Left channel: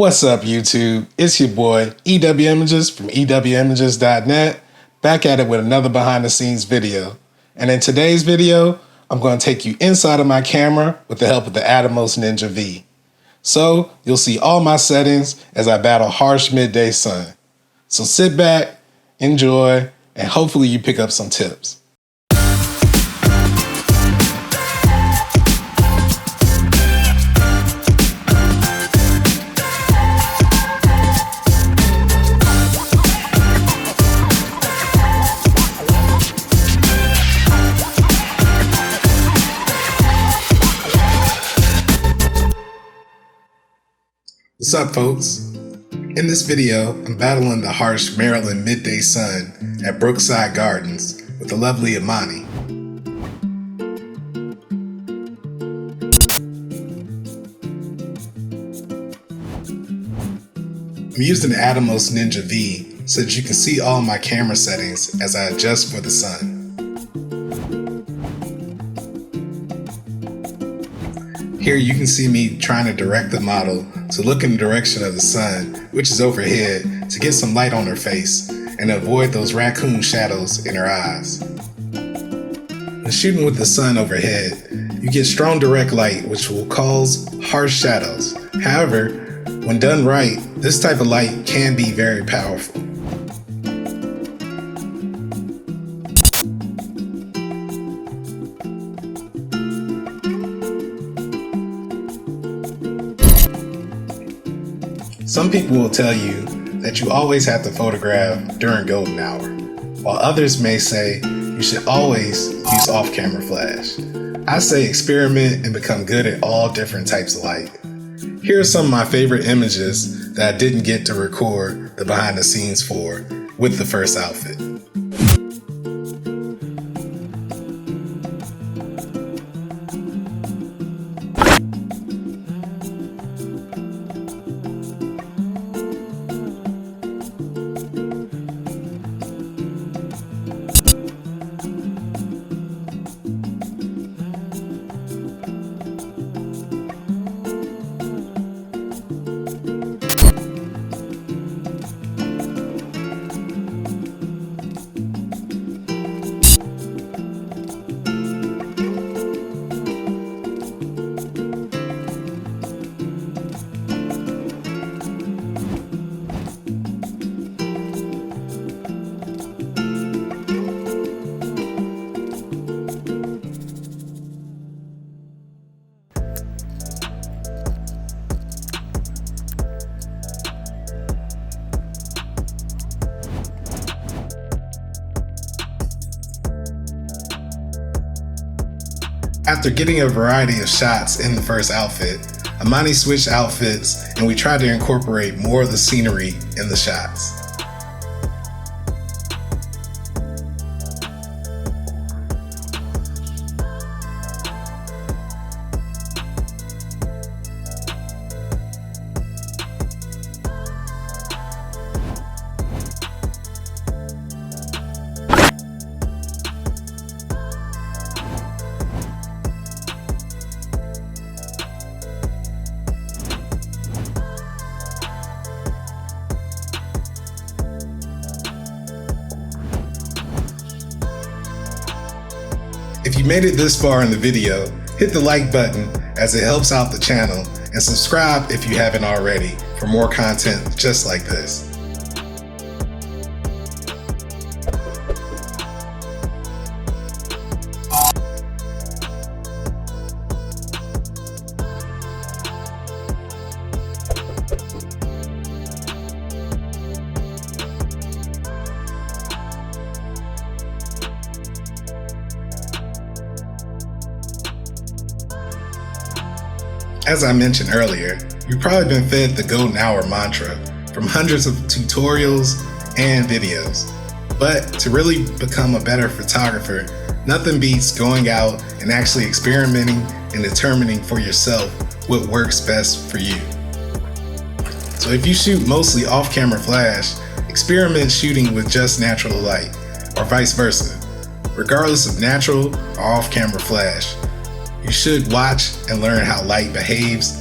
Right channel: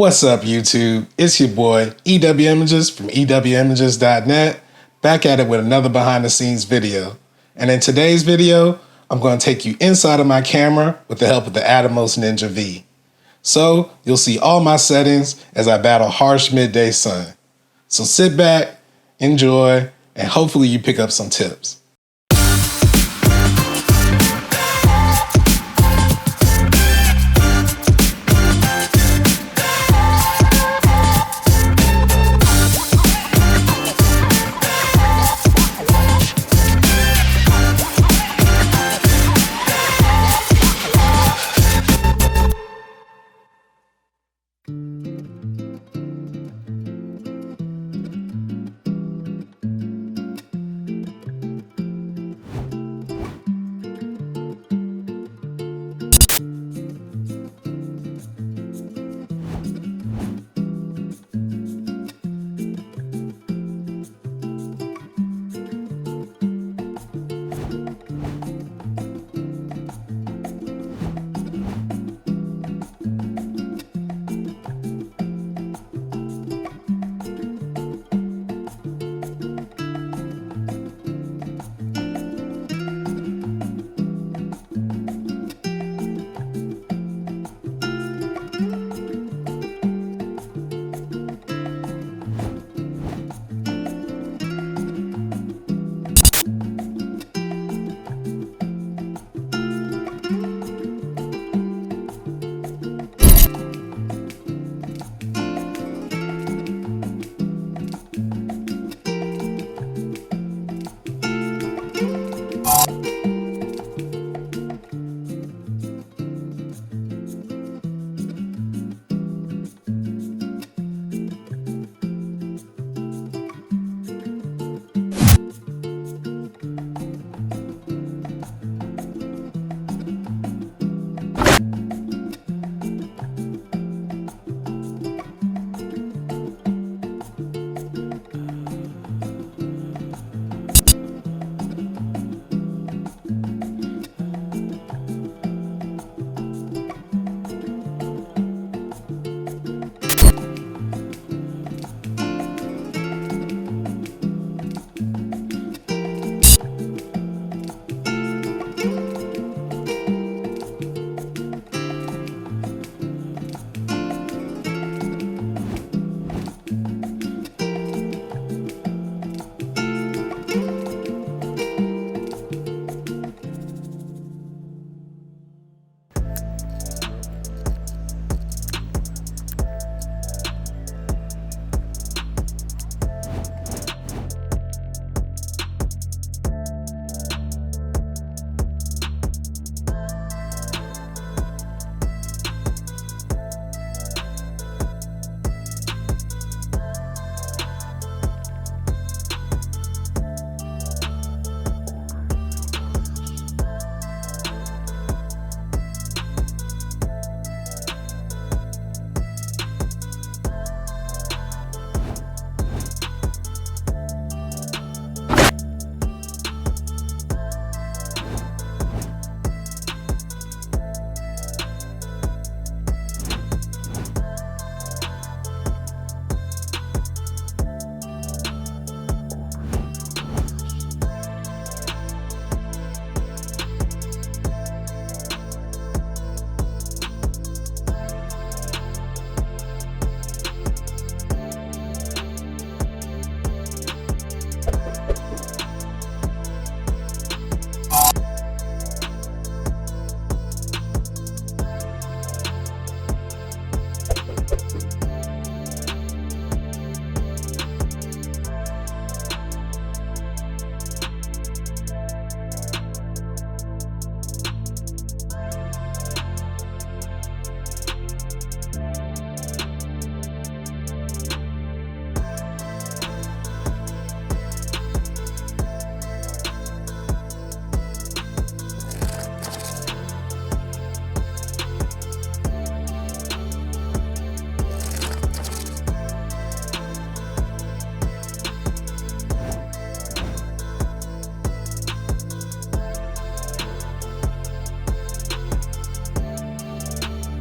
What's up, YouTube? It's your boy, EW Images from EWImages.net, back at it with another behind the scenes video. And in today's video, I'm going to take you inside of my camera with the help of the Atomos Ninja V. So you'll see all my settings as I battle harsh midday sun. So sit back, enjoy, and hopefully you pick up some tips. What's up, folks? In this video, I'm battling the harsh Maryland midday sun at Brookside Gardens with the lovely Imani. I'm using the Atomos Ninja V so that you can see all my camera settings as I adjust for the sun. Here you can see me trying to direct the model to look in the direction of the sun, which is overhead, to get some light on her face and avoid those raccoon shadows in her eyes. When shooting with the sun overhead, you get strong direct light which will cause harsh shadows. However, when done right, this type of light can be very powerful. Some people will tell you that you always have to photograph during golden hour, while others may say you should always use off-camera flash. I say experiment and become good at all different types of light. Here are some of my favorite images that I didn't get to record the behind the scenes for with the first outfit. After getting a variety of shots in the first outfit, Imani switched outfits and we tried to incorporate more of the scenery in the shots. If you made it this far in the video, hit the like button as it helps out the channel, and subscribe if you haven't already for more content just like this. As I mentioned earlier, you've probably been fed the golden hour mantra from hundreds of tutorials and videos. But to really become a better photographer, nothing beats going out and actually experimenting and determining for yourself what works best for you. So if you shoot mostly off-camera flash, experiment shooting with just natural light, or vice versa. Regardless of natural or off-camera flash, you should watch and learn how light behaves